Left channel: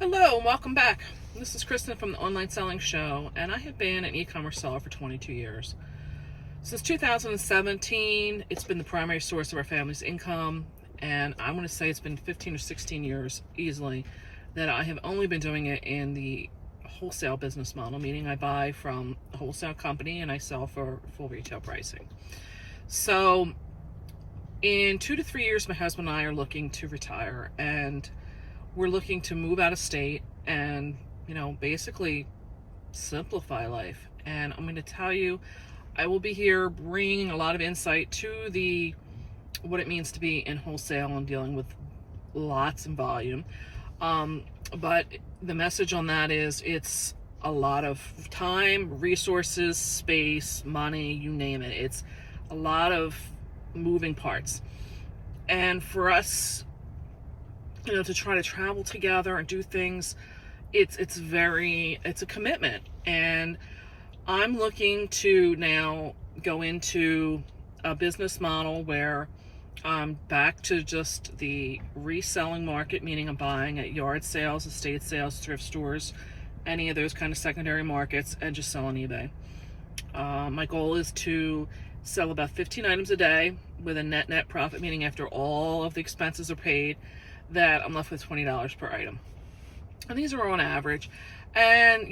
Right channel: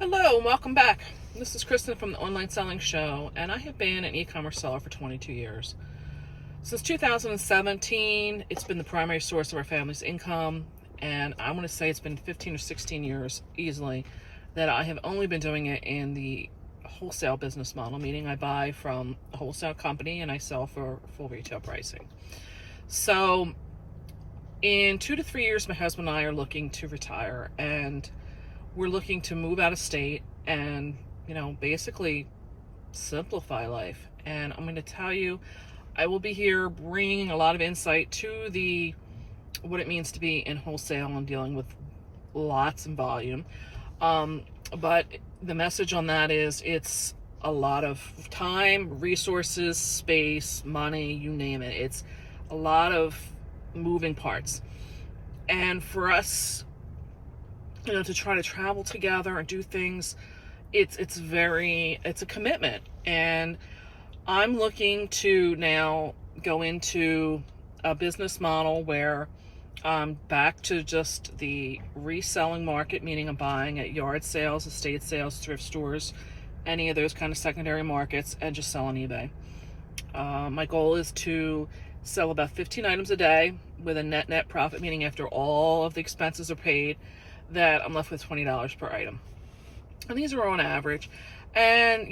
Hello and welcome back. This is Kristen from the Online Selling Show, and I have been an e-commerce seller for 22 years. Since 2017, it's been the primary source of our family's income, and I want to say it's been 15 or 16 years easily that I have only been doing it in the wholesale business model, meaning I buy from a wholesale company and I sell for full retail pricing. So in 2 to 3 years, my husband and I are looking to retire, and we're looking to move out of state and, basically simplify life. And I'm going to tell you, I will be here bringing a lot of insight to what it means to be in wholesale and dealing with lots and volume. But the message on that is it's a lot of time, resources, space, money, you name it. It's a lot of moving parts. And for us, to try to travel together and do things, it's a commitment. And I'm looking to now go into a business model where I'm back to just the reselling market, meaning I'm buying at yard sales, estate sales, thrift stores, any of those kind of secondary markets, and just sell on eBay. My goal is to sell about 15 items a day with a net profit, meaning after all of the expenses are paid, that I'm left with $20 per item. And these are on average. And,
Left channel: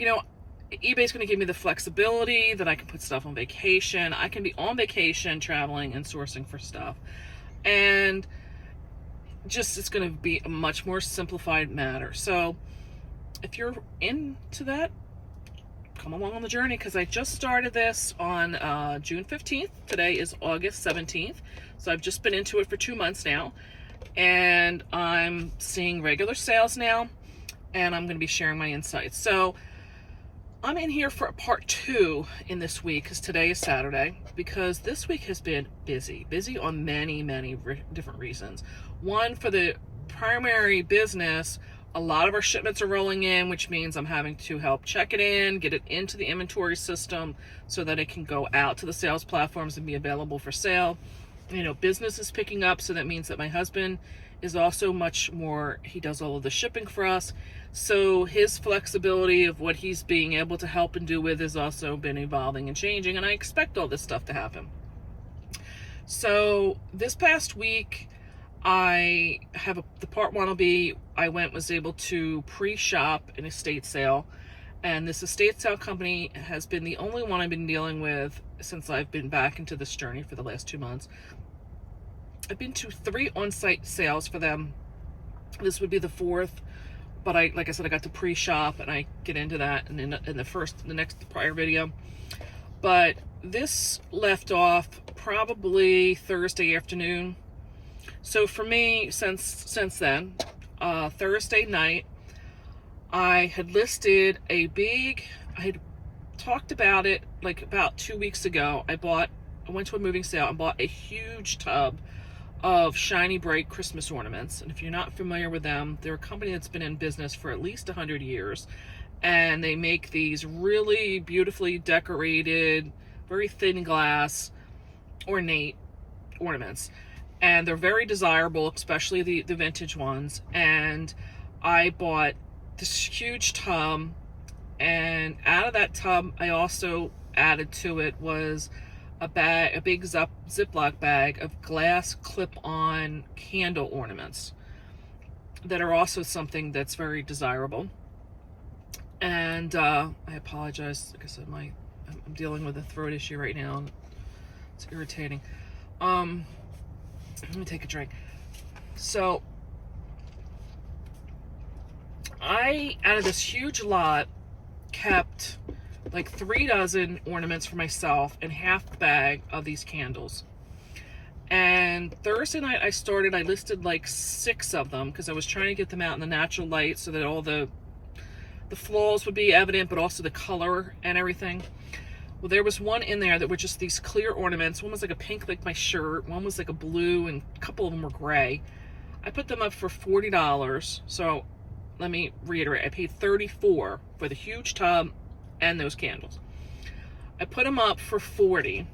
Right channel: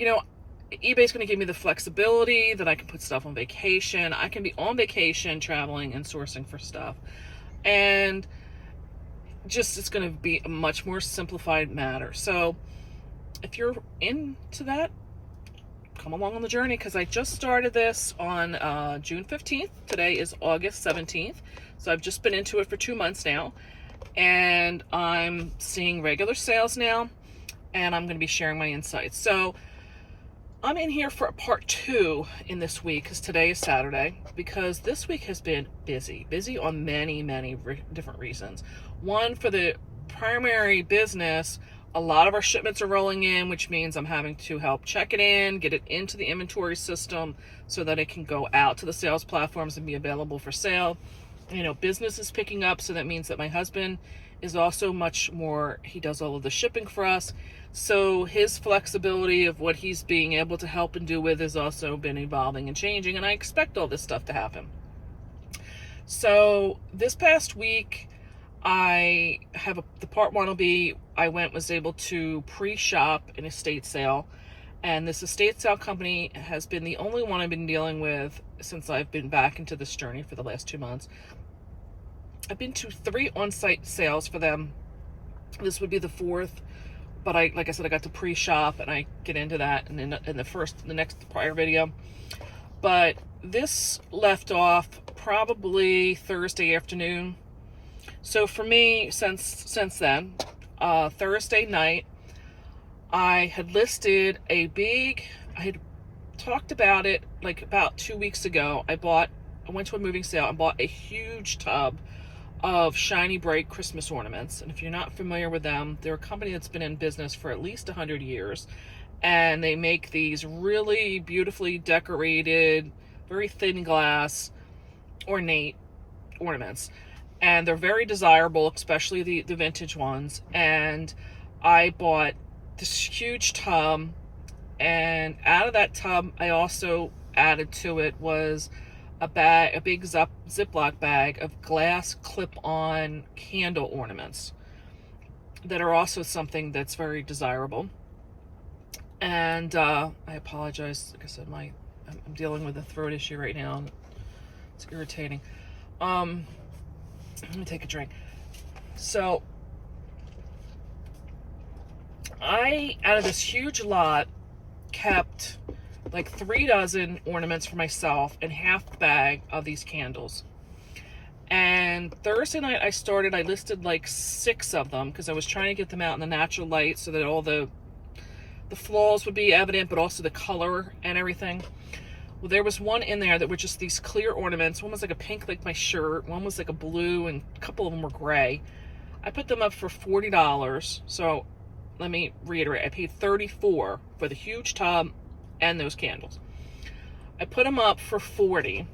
eBay's going to give me the flexibility that I can put stuff on vacation. I can be on vacation, traveling and sourcing for stuff. And it's going to be a much more simplified matter. So if you're into that, come along on the journey, because I just started this on June 15th. Today is August 17th. So I've just been into it for 2 months now. And I'm seeing regular sales now, and I'm going to be sharing my insights. So I'm in here for a part 2 in this week, because today is Saturday, because this week has been busy on many different reasons. One, for the primary business, a lot of our shipments are rolling in, which means I'm having to help check it in, get it into the inventory system so that it can go out to the sales platforms and be available for sale. Business is picking up, so that means that my husband is also he does all of the shipping for us. So his flexibility of what he's being able to help and do with has also been evolving and changing, and I expect all this stuff to happen. So this past week, the part 1 will be, was able to pre-shop an estate sale. And this estate sale company has been the only one I've been dealing with since I've been back into this journey for the last 2 months. I've been to 3 on-site sales for them. This would be the 4th, but like I said, I got to pre-shop, and I get into that in the next prior video. But this left off probably Thursday afternoon. So for me, since then, Thursday night, I had listed I had talked about it like about 2 weeks ago. I went to a moving sale and bought a huge tub of Shiny Brite Christmas ornaments. And if you're not familiar with them, they're a company that's been in business for at least 100 years. And they make these really beautifully decorated, very thin glass, ornate ornaments. And they're very desirable, especially the vintage ones. And I bought this huge tub, and out of that tub, I also added to it was a big Ziploc bag of glass clip-on candle ornaments that are also something that's very desirable. And I apologize, like I said, I'm dealing with a throat issue right now. It's irritating. Let me take a drink. So out of this huge lot, kept like 3 dozen ornaments for myself and half the bag of these candles. And Thursday night I listed like 6 of them, because I was trying to get them out in the natural light so that all the flaws would be evident, but also the color and everything. Well, there was one in there that were just these clear ornaments. One was like a pink, like my shirt. One was like a blue, and a couple of them were gray. I put them up for $40. So let me reiterate, I paid $34 for the huge tub and those candles. I put them up for $40,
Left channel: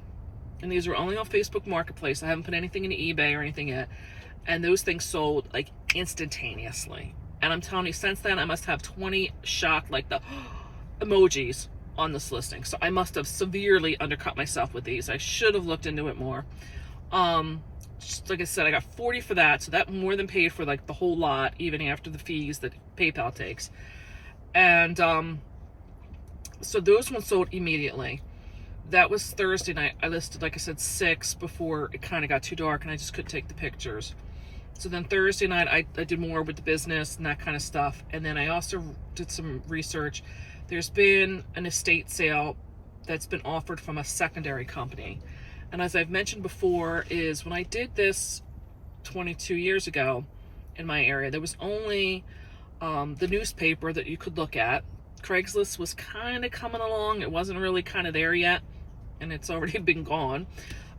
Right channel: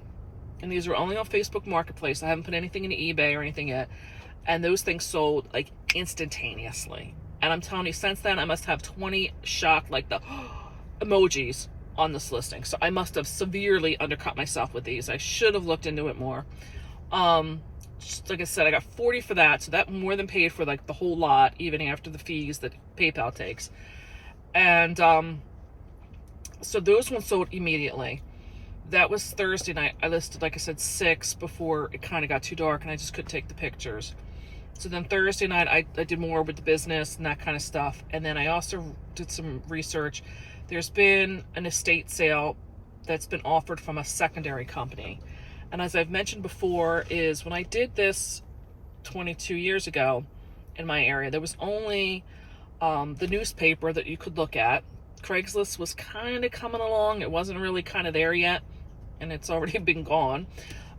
and these are only on Facebook Marketplace. I haven't put anything into eBay or anything yet. And those things sold like instantaneously. And I'm telling you, since then, I must have 20 shocked, like the emojis on this listing. So I must have severely undercut myself with these. I should have looked into it more. Like I said, I got 40 for that. So that more than paid for like the whole lot, even after the fees that PayPal takes. And so those ones sold immediately. That was Thursday night. I listed, like I said, 6 before it kind of got too dark and I just couldn't take the pictures. So then Thursday night, I did more with the business and that kind of stuff. And then I also did some research. There's been an estate sale that's been offered from a secondary company. And as I've mentioned before, is when I did this 22 years ago in my area, there was only the newspaper that you could look at. Craigslist was kind of coming along. It wasn't really kind of there yet, and it's already been gone.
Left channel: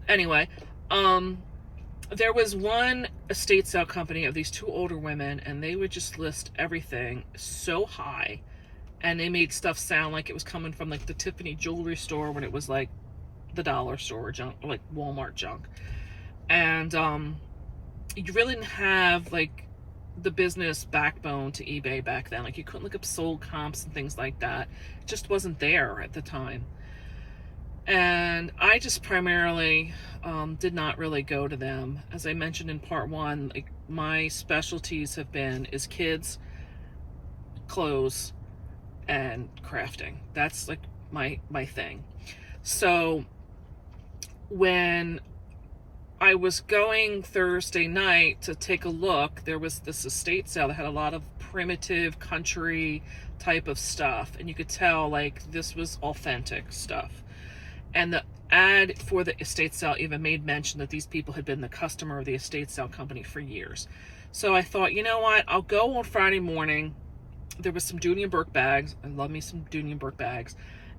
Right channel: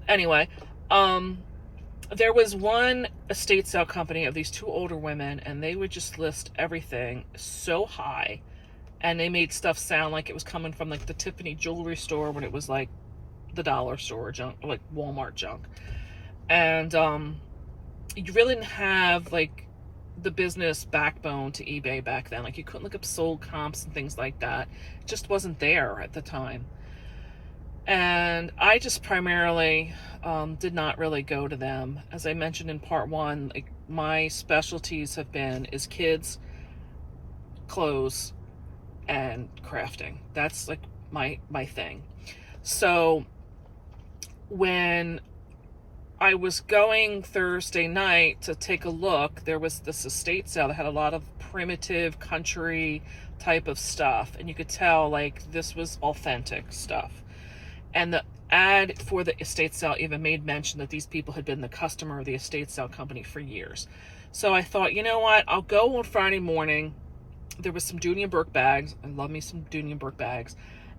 Anyway, there was one estate sale company of these 2 older women, and they would just list everything so high, and they made stuff sound like it was coming from like the Tiffany jewelry store when it was like the dollar store junk, like Walmart junk. And you really didn't have like the business backbone to eBay back then. Like you couldn't look up sold comps and things like that. It just wasn't there at the time. And I just primarily did not really go to them. As I mentioned in part 1, like my specialties is kids, clothes, and crafting. That's like my thing. So when I was going Thursday night to take a look, there was this estate sale that had a lot of primitive country type of stuff, and you could tell like this was authentic stuff. And the ad for the estate sale even made mention that these people had been the customer of the estate sale company for years. So I thought, you know what, I'll go on Friday morning. There was some Dooney & Bourke bags. I love me some Dooney & Bourke bags.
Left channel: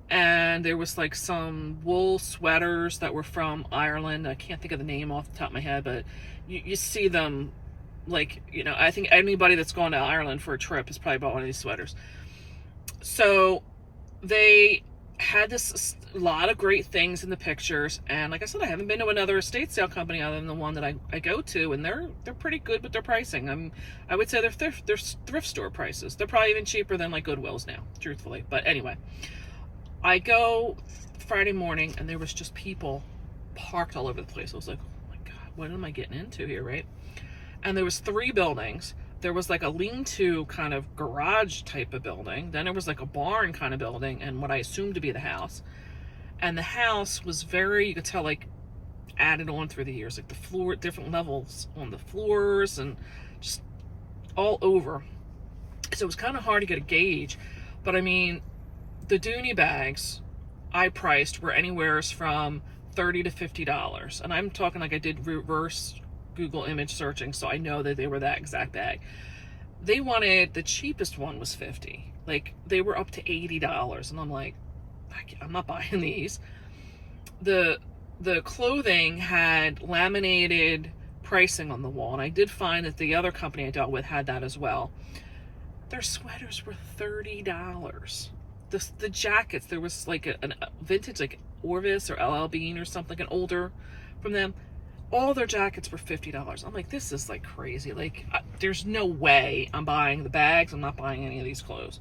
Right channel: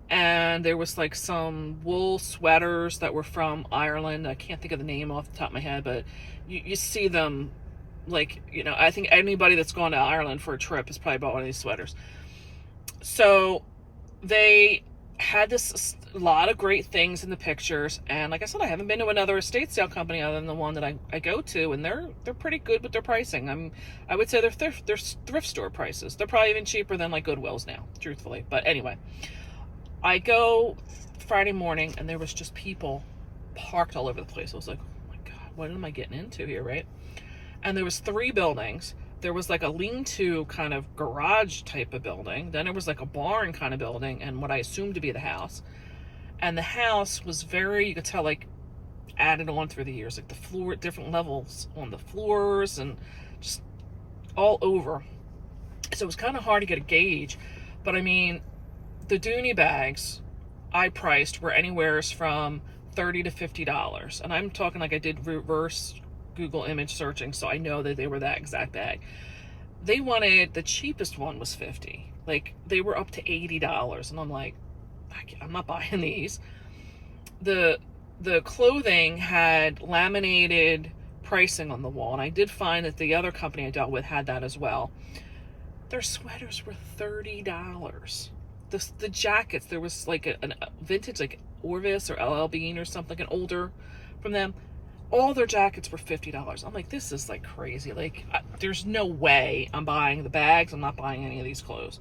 And there was like some wool sweaters that were from Ireland. I can't think of the name off the top of my head, but you see them, like, you know, I think anybody that's gone to Ireland for a trip has probably bought one of these sweaters. So they had this lot of great things in the pictures, and like I said, I haven't been to another estate sale company other than the one that I go to, and they're pretty good with their pricing. I would say they're thrift store prices. They're probably even cheaper than like Goodwill's now, truthfully. But anyway, I go Friday morning, and there was just people parked all over the place. I was like, oh my God, what am I getting into here, right? And there was 3 buildings. There was like a lean-to kind of garage type of building. Then there was like a barn kind of building, and what I assumed to be the house. And the house was very, you could tell, like added on through the years, like the floor, different levels on the floors and just all over. So it was kind of hard to get a gauge. But I mean, the Dooney bags I priced were anywhere from $30 to $50. And I'm talking like I did reverse Google image searching, so I know that they were that exact bag. They wanted, the cheapest one was $50. Like they were up to $80. And I'm like, I'm not buying these. The clothing had laminated pricing on the wall. And I did find that the other company I dealt with had that as well. Their sweaters were $30. The jackets, there was like a vintage, like Orvis or LL Bean or something, like an older from them. All their jackets were $50. I'm like, this is like crazy. Like, there's no way I'm buying the bags. I'm not buying any of these clothes.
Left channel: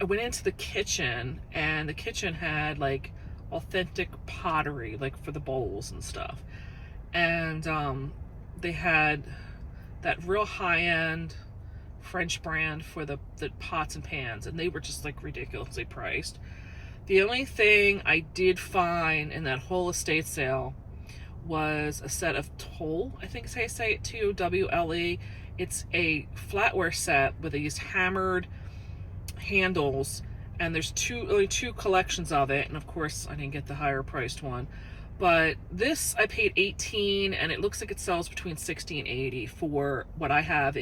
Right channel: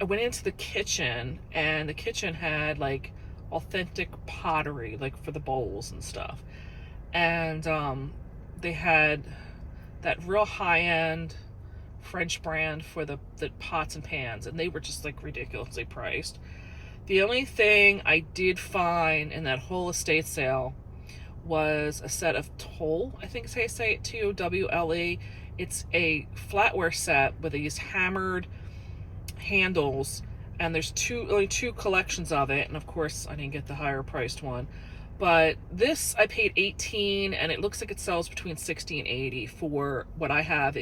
I went into the kitchen, and the kitchen had like authentic pottery, like for the bowls and stuff. And they had that real high-end French brand for the pots and pans, and they were just like ridiculously priced. The only thing I did find in that whole estate sale was a set of Toll, I think is how you say it, Towle. It's a flatware set with these hammered handles, and there's only two collections of it, and of course I didn't get the higher priced one. But this I paid $18, and it looks like it sells between $60 and $80 for what I have.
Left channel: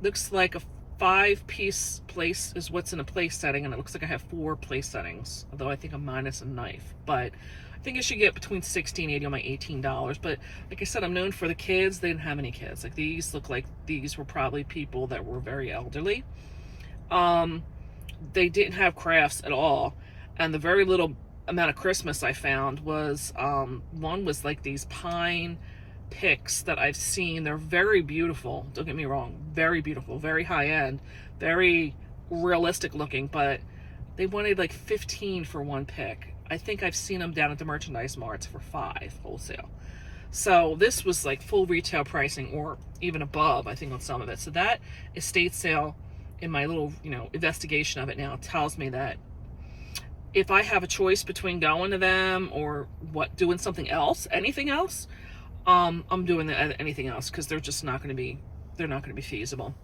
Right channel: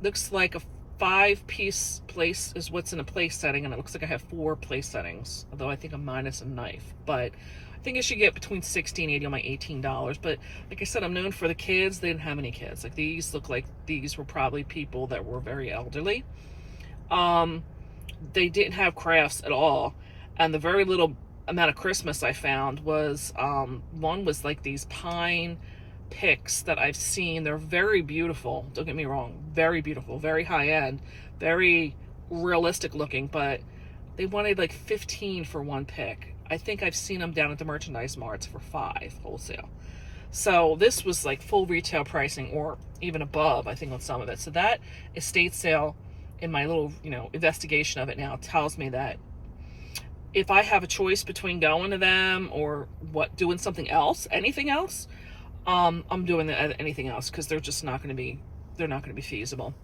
Looks like a 5-piece place is what's in a place setting, and it looks like I have 4 place settings, although I think I'm minus a knife. But I think I should get between $60 and $80 on my $18. But like I said, I'm known for the kids. They didn't have any kids. Like, these look like these were probably people that were very elderly. They didn't have crafts at all, and the very little amount of Christmas I found was one was like these pine picks that I've seen. They're very beautiful, don't get me wrong, very beautiful, very high end, very realistic looking, but they wanted like 15 for one pick. I think I've seen them down at the merchandise marts for $5 wholesale. So this was like full retail pricing or even above, I think, on some of it. So that estate sale, in my little, investigation of it now, tells me that if I have a choice between going to them or doing something else, anything else, I'm doing anything else, because they're just not going to be feasible.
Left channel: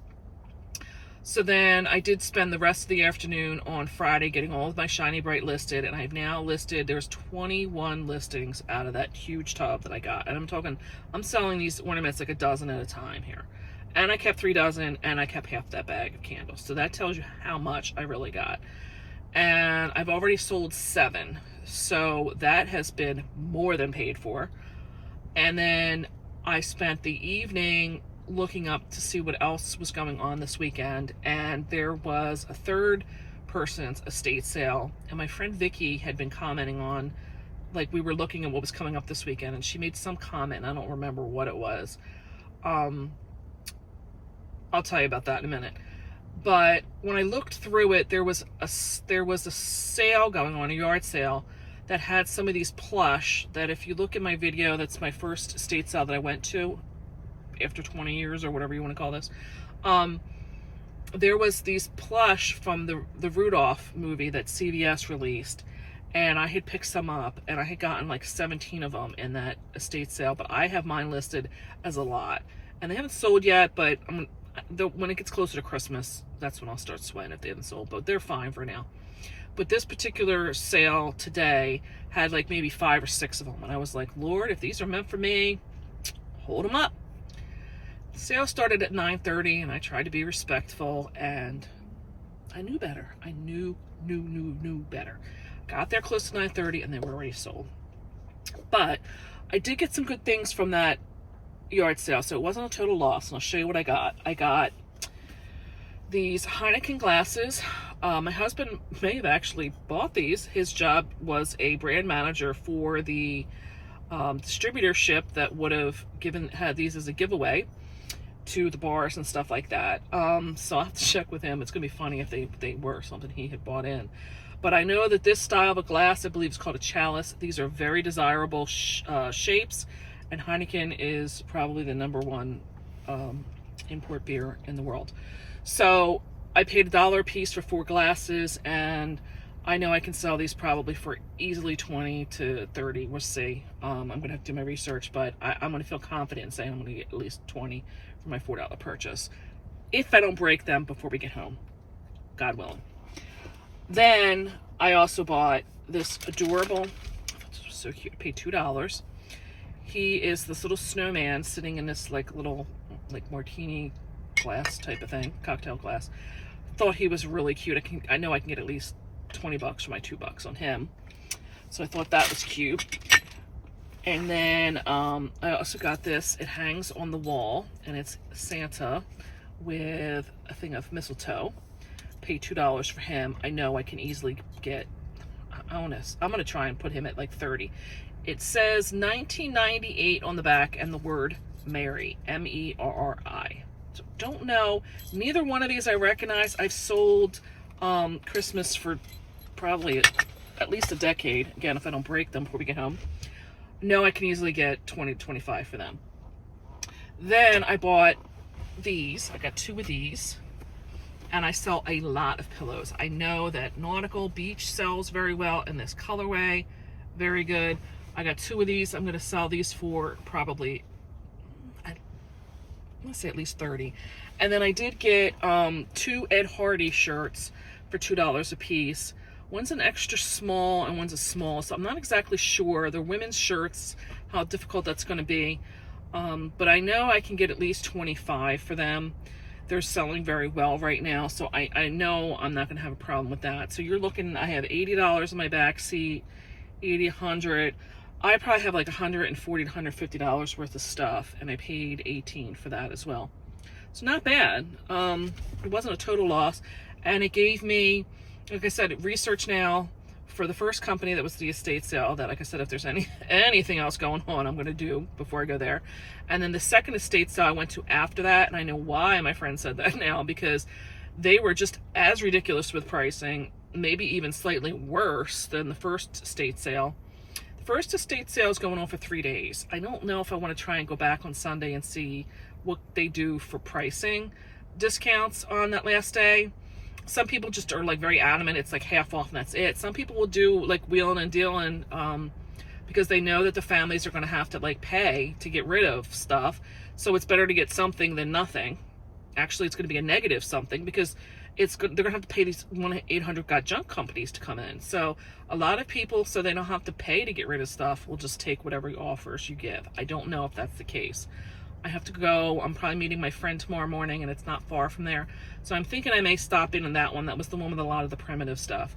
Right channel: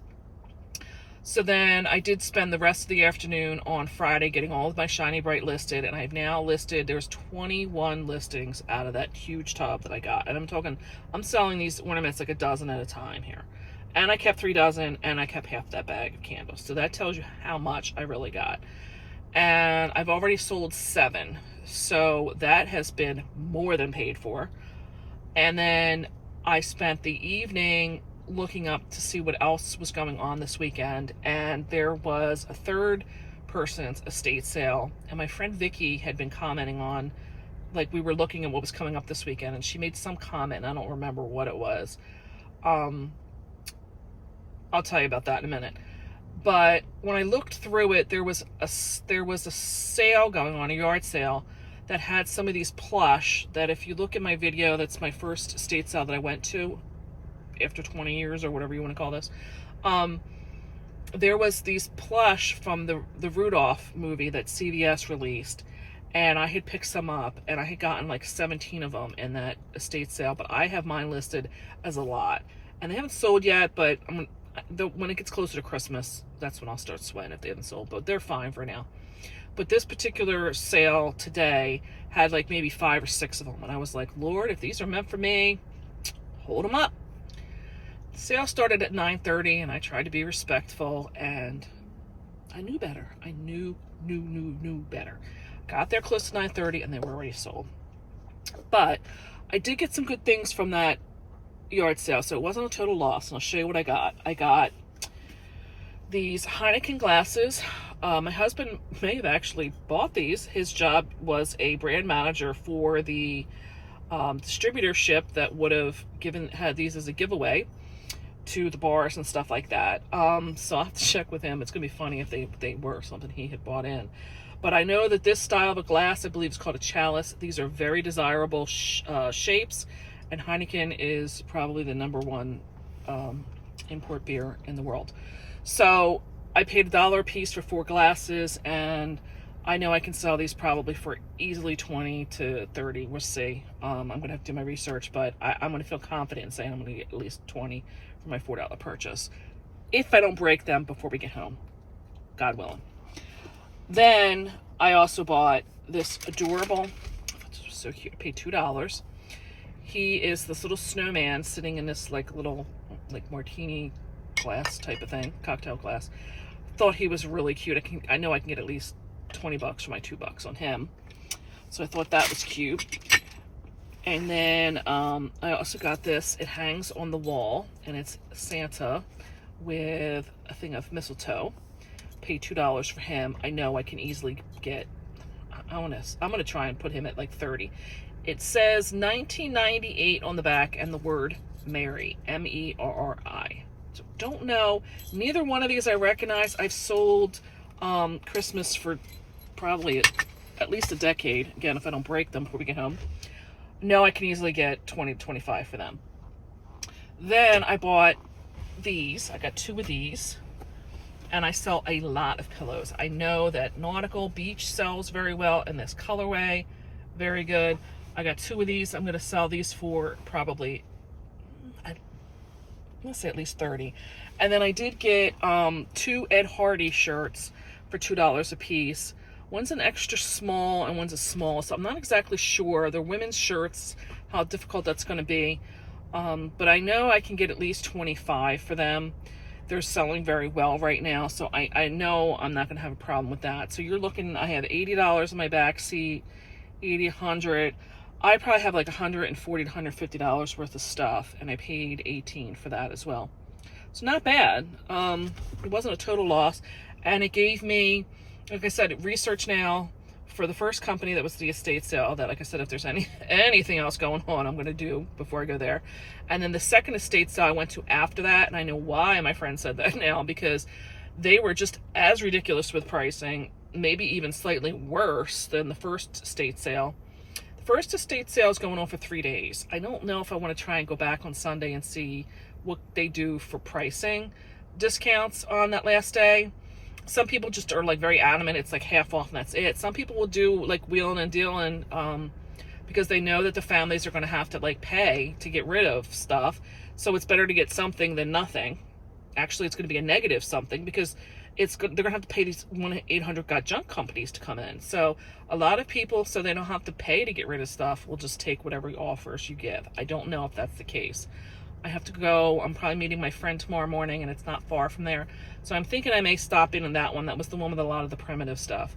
So then I did spend the rest of the afternoon on Friday getting all of my Shiny Brite listed, and I've now listed, there's 21 listings out of that huge tub that I got. And I'm selling these ornaments like a dozen at a time here. And I kept 3 dozen, and I kept half that bag of candles. So that tells you how much I really got. And I've already sold 7. So that has been more than paid for. And then I spent the evening looking up to see what else was going on this weekend, and there was a third person's estate sale, and my friend Vicky had been commenting on, like, we were looking at what was coming up this weekend, and she made some comment, and I don't remember what it was. I'll tell you about that in a minute. But when I looked through it, there was a sale going on, a yard sale, that had some of these plush that, if you look at my video, that's my first estate sale that I went to after 20 years or whatever you want to call this. There was these plush from the Rudolph movie that CVS released, and I had picked some up, and I had gotten like 17 of them in that estate sale, but I have mine listed as a lot, and they haven't sold yet, but when it gets closer to Christmas, that's when I'll start sweating if they haven't sold, but they're fine for now. But this particular sale today had like maybe 5 or 6 of them, and I was like, Lord, if these are meant for me, hold them up. The sale started at 9:30, and I tried to be respectful, and I knew better. I knew better. Got there close to 9:30, and they were already sold. But I did get some good things from that yard sale, so it wasn't a total loss, and I'll show you what I got. I got these Heineken glasses. My husband may have actually bought these. His job was a brand manager for the distributorship that would have had these as a giveaway to the bars and stuff like that. So I'll have to check with him. It's gonna be funny if they were something he had bought in. But I know that this style of a glass, I believe, is called a chalice. These are very desirable shapes, and Heineken is probably the #1 import beer in the world. So I paid $1 a piece for 4 glasses, and I know I can sell these probably for easily 20 to 30. We'll see. I'm gonna have to do my research, but I'm gonna feel confident in saying I'm gonna get at least 20 for my $4 purchase, if I don't break them before we get home, God willing. Then I also bought this adorable, so cute, I paid $2. He is this little snowman sitting in this like little martini glass type of thing, cocktail glass. Thought he was really cute. I know I can get at least $20 for my $2 on him, so I thought that was cute. And then I also got this. It hangs on the wall, and it's Santa with a thing of mistletoe. Paid $2 for him. I know I can easily get, I'm gonna try and put him at like 30. It says 1998 on the back, and the word Merry, M-E-R-R-I. So don't know. Neither one of these I recognize. I've sold Christmas for probably at least a decade. Again, if I don't break them before we get home. No, I can easily get 20 to 25 for them. Then I bought these. I got 2 of these, and I sell a lot of pillows. I know that Nautical Beach sells very well in this colorway. Very good. I got 2 of these. I'm going to sell these for probably, I'm going to say at least 30. And then I did get 2 Ed Hardy shirts for $2 a piece. One's an extra small and one's a small, so I'm not exactly sure. They're women's shirts, how difficult that's going to be. But I know I can get at least 25 for them. They're selling very well right now, so I know I'm not going to have a problem with that. So you're looking, I have $80 in my back seat, $80, $100. I probably have like $140 to $150 worth of stuff, and I paid $18 for that as well. So not bad. It wasn't a total loss, and it gave me, like I said, research now for the first company, that was the estate sale, that, like I said, if there's anything else going on, I'm going to do before I go there. And then the second estate sale I went to after that, and I know why my friend said that now, because they were just as ridiculous with pricing, maybe even slightly worse than the first estate sale. The first estate sale is going on for 3 days. I don't know if I want to try and go back on Sunday and see what they do for pricing discounts on that last day. Some people just are like very adamant it's like half off and that's it. Some people will do like wheeling and dealing because they know that the families are going to have to like pay to get rid of stuff. So it's better to get something than nothing. Actually, it's going to be a negative something because they're going to have to pay these 1-800-GOT-JUNK companies to come in. So a lot of people, so they don't have to pay to get rid of stuff, will just take whatever offers you give. I don't know if that's the case. I have to go. I'm probably meeting my friend tomorrow morning, and it's not far from there. So I'm thinking I may stop in on that one. That was the one with a lot of the primitive stuff.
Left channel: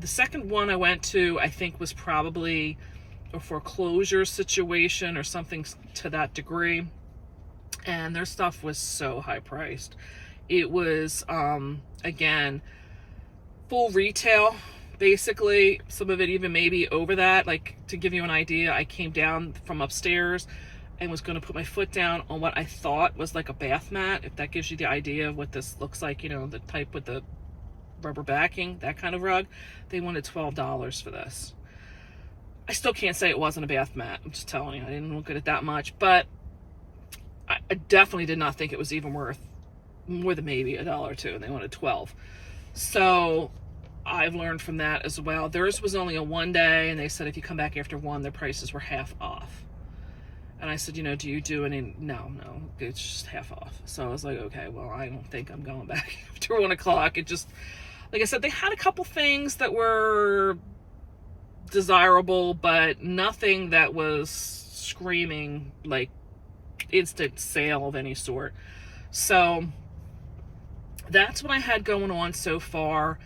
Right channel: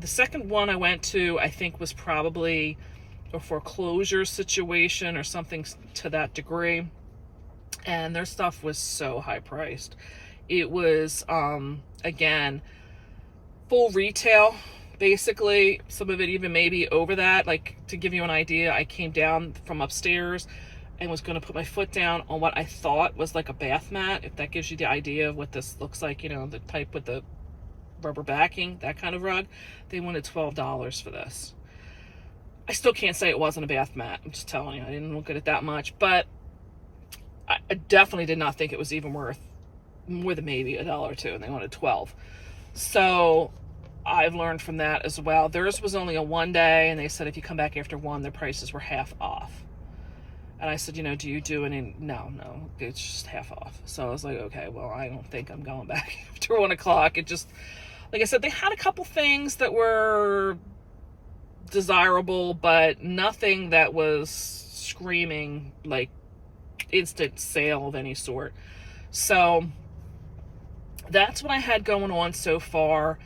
The second one I went to, I think, was probably a foreclosure situation or something to that degree. And their stuff was so high priced. It was, again, full retail, basically. Some of it even maybe over that. Like, to give you an idea, I came down from upstairs and was going to put my foot down on what I thought was like a bath mat, if that gives you the idea of what this looks like, you know, the type with the rubber backing, that kind of rug. They wanted $12 for this. I still can't say it wasn't a bath mat. I'm just telling you, I didn't look at it that much, but I definitely did not think it was even worth more than maybe $1 or $2, and they wanted 12. So I've learned from that as well. Theirs was only a 1 day, and they said if you come back after 1, their prices were half off. And I said, you know, do you do any? No, it's just half off. So I was like, okay, well, I don't think I'm going back after 1 o'clock. It just, like I said, they had a couple things that were desirable, but nothing that was screaming like instant sale of any sort. So that's what I had going on so far.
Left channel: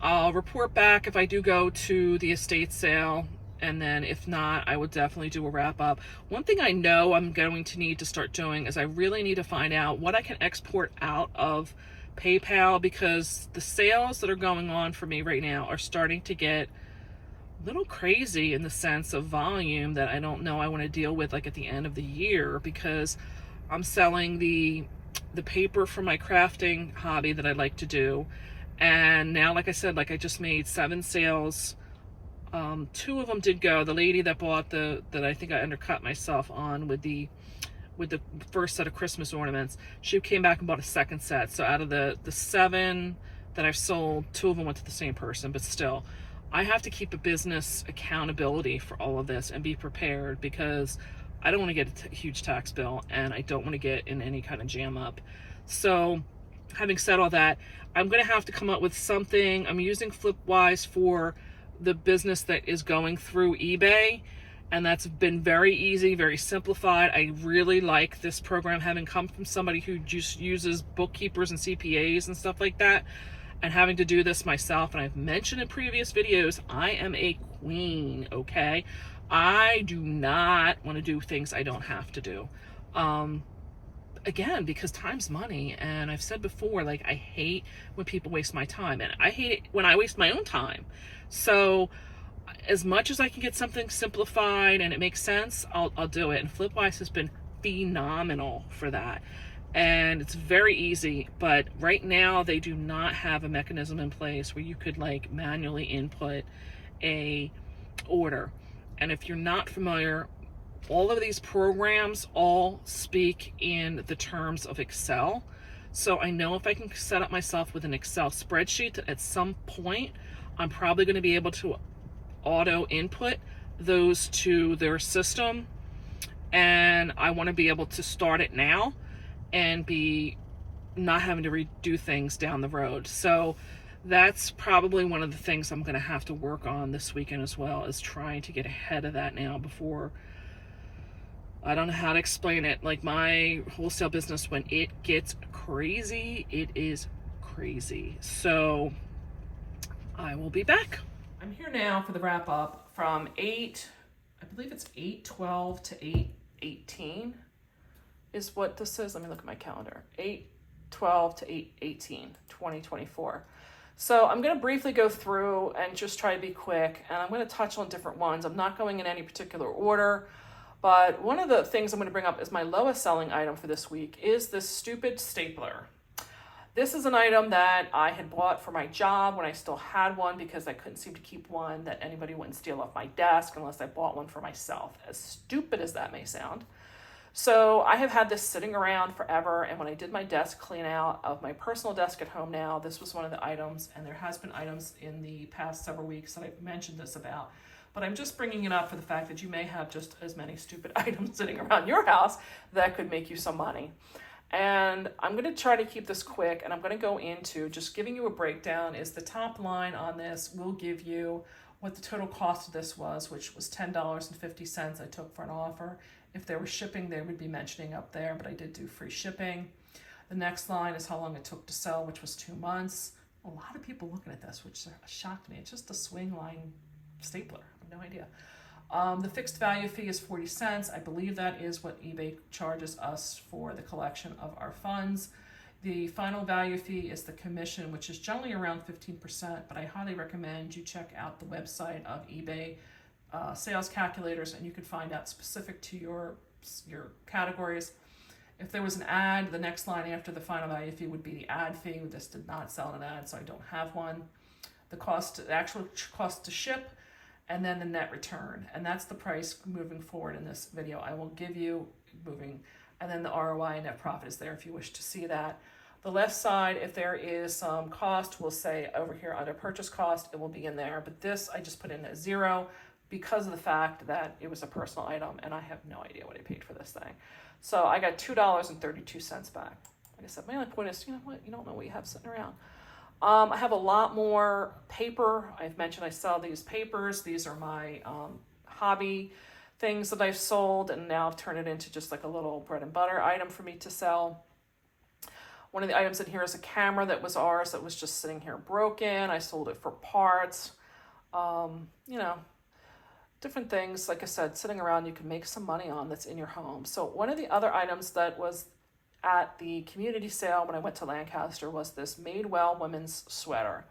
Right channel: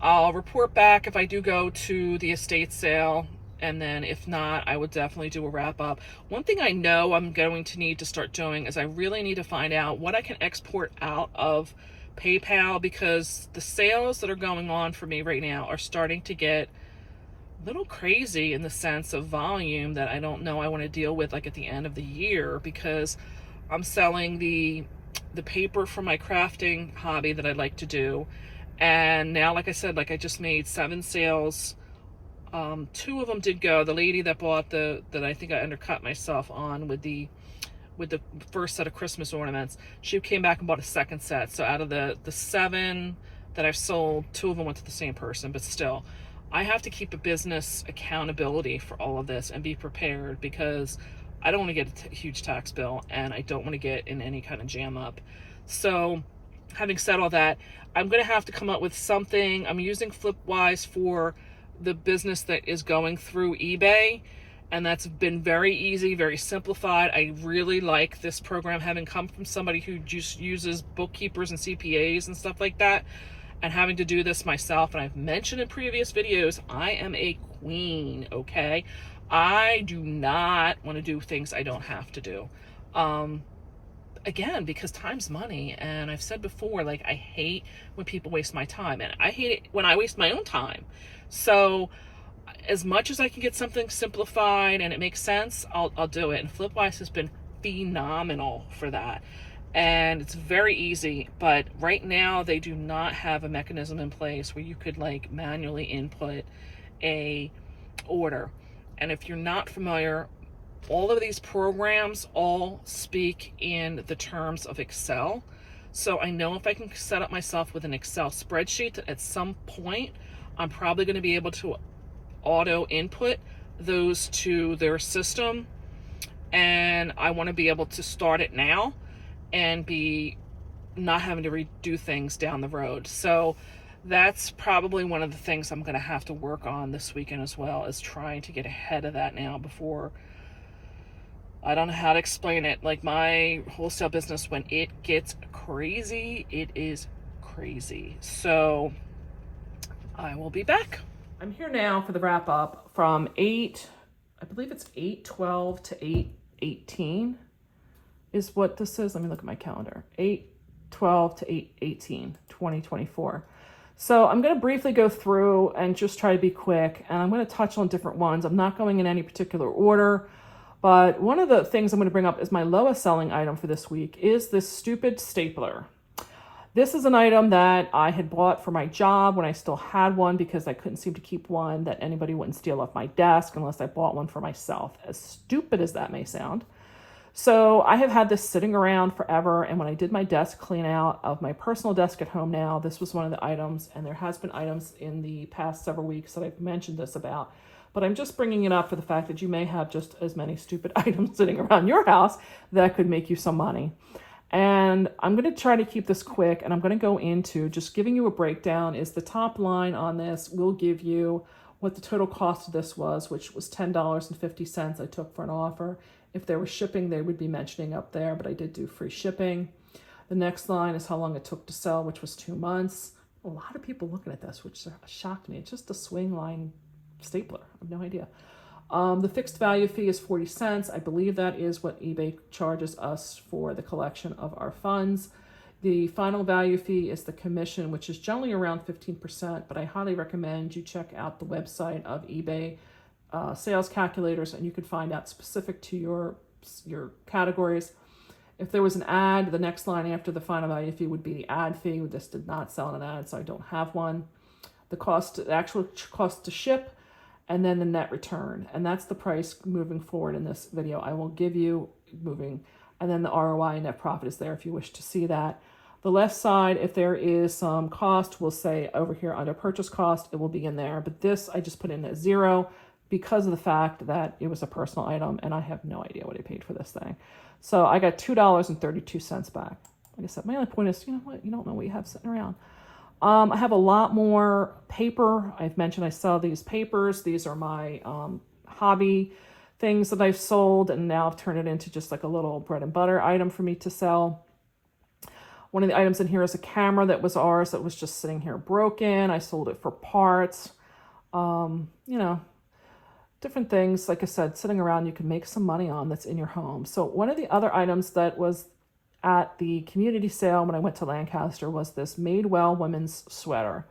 I'll report back if I do go to the estate sale. And then if not, I would definitely do a wrap up. One thing I know I'm going to need to start doing is I really need to find out what I can export out of PayPal, because the sales that are going on for me right now are starting to get a little crazy in the sense of volume that I don't know I want to deal with like at the end of the year, because I'm selling the paper for my crafting hobby that I like to do. And now, like I said, like I just made 7 sales. 2 of them did go. The lady that bought that I think I undercut myself on with the first set of Christmas ornaments, she came back and bought a second set. So out of the 7 that I've sold, 2 of them went to the same person. But still, I have to keep a business accountability for all of this and be prepared, because I don't want to get a huge tax bill, and I don't want to get in any kind of jam up. So having said all that, I'm going to have to come up with something. I'm using Flipwise for the business that is going through eBay, and that's been very easy, very simplified. I really like this program, having come from somebody who just uses bookkeepers and CPAs and stuff like that, and having to do this myself. And I've mentioned in previous videos, I am a queen, okay? I do not want to do things I don't have to do. Again, because time's money, and I've said before, like, I hate when people waste my time, and I hate it when I waste my own time. So as much as I can get something simplified and it makes sense, I'll do it. And Flipwise has been phenomenal for that. And it's very easy, but right now they do not have a mechanism in place where you could like manually input a order. And if you're not familiar, all of these programs all speak in the terms of Excel. So I know if I can set up myself with an Excel spreadsheet, that at some point I'm probably going to be able to auto input those to their system. And I want to be able to start it now and be not having to redo things down the road. So that's probably one of the things I'm going to have to work on this weekend as well, is trying to get ahead of that now before, I don't know how to explain it. Like, my wholesale business, when it gets crazy, it is crazy. So I will be back. I'm here now for the wrap up from I believe it's 8/12 to 8/18 is what this is. Let me look at my calendar. 8/12 to 8/18, 2024. So I'm going to briefly go through and just try to be quick, and I'm going to touch on different ones. I'm not going in any particular order, but one of the things I'm going to bring up is my lowest selling item for this week is this stupid stapler. This is an item that I had bought for my job when I still had one because I couldn't seem to keep one that anybody wouldn't steal off my desk unless I bought one for myself, as stupid as that may sound. So I have had this sitting around forever, and when I did my desk clean out of my personal desk at home now, this was one of the items, and there has been items in the past several weeks that I've mentioned this about, but I'm just bringing it up for the fact that you may have just as many stupid items sitting around your house that could make you some money. And I'm going to try to keep this quick, and I'm going to go into just giving you a breakdown. Is the top line on this will give you what the total cost of this was, which was $10.50 I took for an offer. If there was shipping, they would be mentioning up there, but I did do free shipping. The next line is how long it took to sell, which was 2 months. A lot of people looking at this, which shocked me. It's just a swing line stapler. I have no idea. The fixed value fee is 40 cents. I believe that is what eBay charges us for the collection of our funds. The final value fee is the commission, which is generally around 15%, but I highly recommend you check out the website of eBay sales calculators, and you can find out specific to your categories. If there was an ad, the next line after the final value fee would be the ad fee. This did not sell an ad, so I don't have one. The actual cost to ship, and then the net return. And that's the price moving forward in this video. I will give you moving, and then the ROI and net profit is there if you wish to see that. The left side, if there is some cost, we'll say over here under purchase cost, it will be in there. But this, I just put in at 0 because of the fact that it was a personal item, and I have no idea what I paid for this thing. So I got $2.32 back. Like I said, my only point is, you know what? You don't know what you have sitting around. I have a lot more paper. I've mentioned I sell these papers. These are my hobby things that I've sold, and now I've turned it into just like a little bread and butter item for me to sell. One of the items in here is a camera that was ours that was just sitting here broken. I sold it for parts. You know, different things, like I said, sitting around you can make some money on that's in your home. So one of the other items that was at the community sale when I went to Lancaster was this Madewell women's sweater.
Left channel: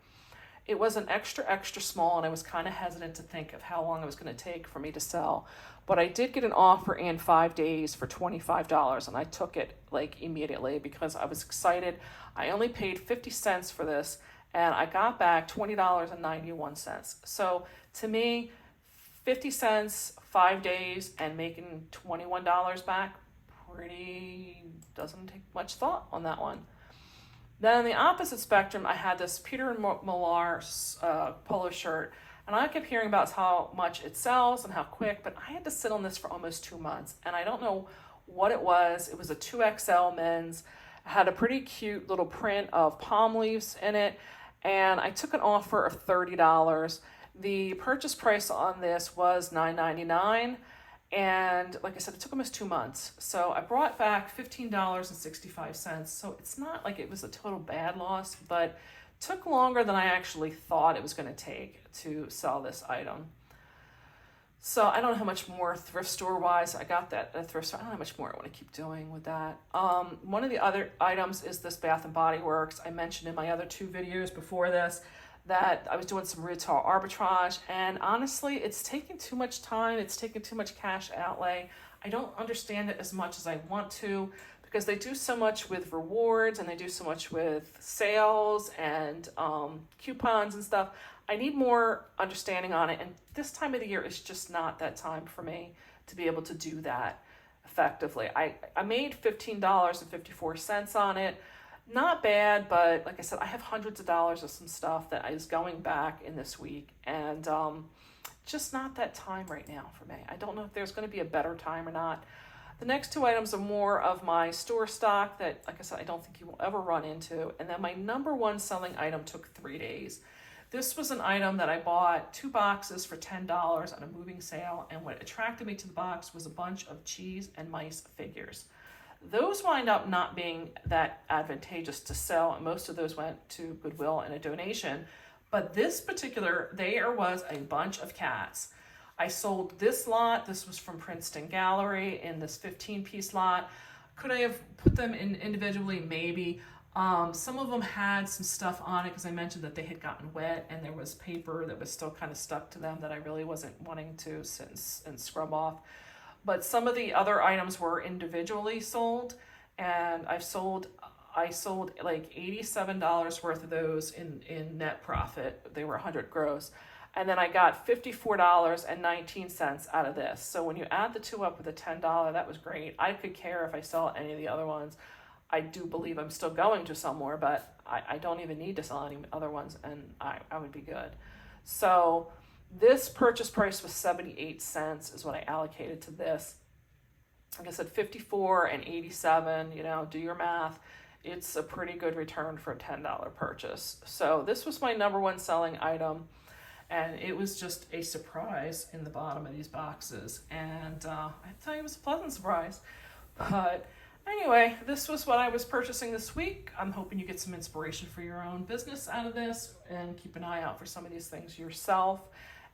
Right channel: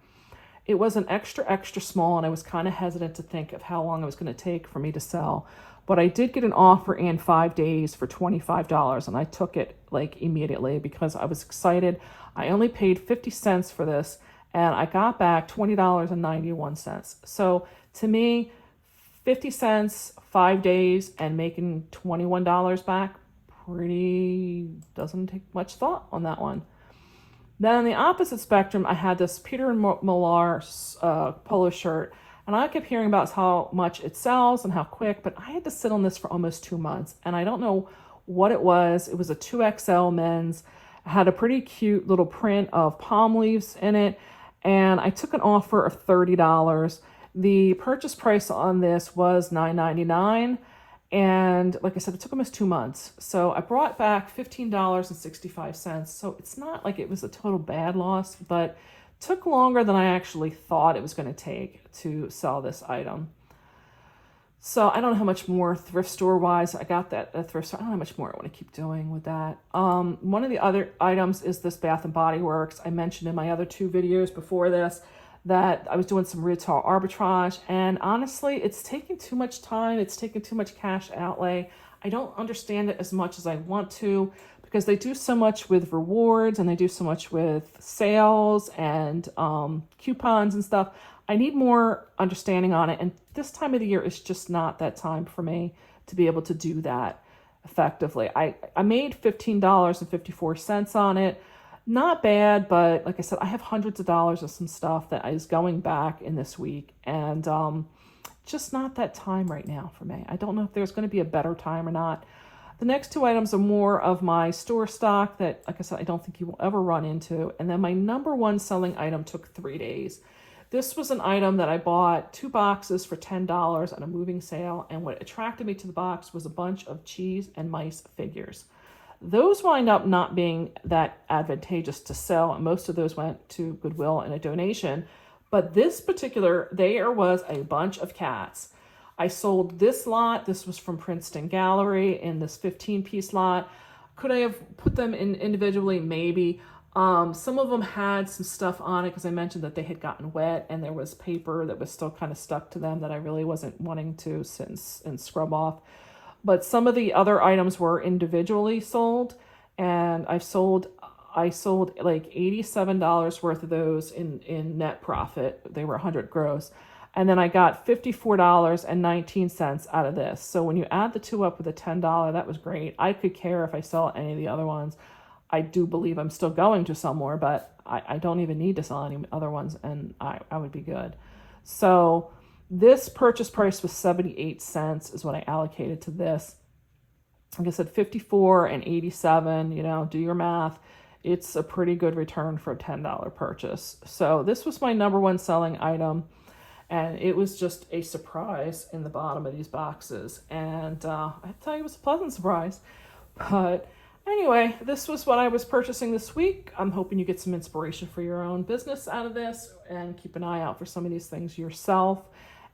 It was an extra small, and I was kind of hesitant to think of how long it was going to take for me to sell. But I did get an offer in 5 days for $25, and I took it like immediately because I was excited. I only paid 50 cents for this, and I got back $20.91. So to me, 50 cents, 5 days, and making $21 back, doesn't take much thought on that one. Then on the opposite spectrum, I had this Peter Millar polo shirt, and I kept hearing about how much it sells and how quick, but I had to sit on this for almost 2 months, and I don't know what it was. It was a 2XL men's. It had a pretty cute little print of palm leaves in it, and I took an offer of $30. The purchase price on this was $9.99. And like I said, it took almost 2 months. So I brought back $15.65. So it's not like it was a total bad loss, but it took longer than I actually thought it was going to take to sell this item. So I don't know how much more thrift store wise I got that at thrift store. I don't know how much more I want to keep doing with that. One of the other items is this Bath and Body Works. I mentioned in my other 2 videos before this that I was doing some retail arbitrage, and honestly, it's taking too much time. It's taking too much cash outlay. I don't understand it as much as I want to because they do so much with rewards and they do so much with sales and coupons and stuff. I need more understanding on it, and this time of the year is just not that time for me to be able to do that effectively. I made $15.54 on it. Not bad, but like I said, I have hundreds of dollars of some stuff that is going back in this week, and just not that time right now for me. I don't know if there's going to be a better time or not. The next 2 items are more of my store stock that, like I said, I don't think you will ever run into. And then my number 1 selling item took 3 days. This was an item that I bought 2 boxes for $10 on a moving sale, and what attracted me to the box was a bunch of cheese and mice figures. Those wind up not being that advantageous to sell. Most of those went to Goodwill and a donation. But this particular, there was a bunch of cats. I sold this lot. This was from Princeton Gallery in this 15-piece lot. Could I have put them in individually? Maybe. Some of them had some stuff on it because I mentioned that they had gotten wet and there was paper that was still kind of stuck to them that I really wasn't wanting to sit and scrub off. But some of the other items were individually sold, and I sold like $87 worth of those in net profit. They were 100 gross. And then I got $54.19 out of this. So when you add the two up with a $10, that was great. I could care if I sell any of the other ones. I do believe I'm still going to sell more, but I don't even need to sell any other ones, and I would be good. So this purchase price was 78 cents is what I allocated to this. Like I said, 54 and 87, you know, do your math. It's a pretty good return for a $10 purchase. So this was my number one selling item, and it was just a surprise in the bottom of these boxes. And I tell you, it was a pleasant surprise. But anyway, this was what I was purchasing this week. I'm hoping you get some inspiration for your own business out of this, and keep an eye out for some of these things yourself.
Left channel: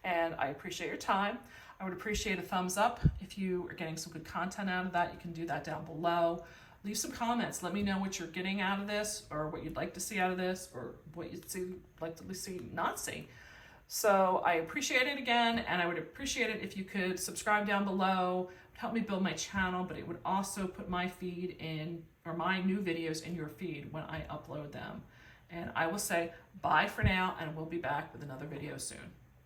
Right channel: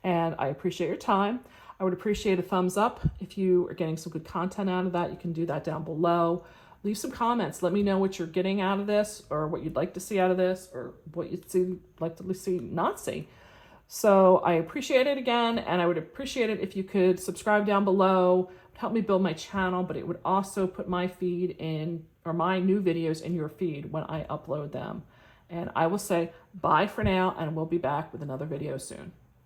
And I appreciate your time. I would appreciate a thumbs up if you are getting some good content out of that. You can do that down below. Leave some comments. Let me know what you're getting out of this, or what you'd like to see out of this, or what you'd like to see, not see. So I appreciate it again, and I would appreciate it if you could subscribe down below. Help me build my channel, but it would also put my feed in, or my new videos in your feed when I upload them. And I will say bye for now, and we'll be back with another video soon.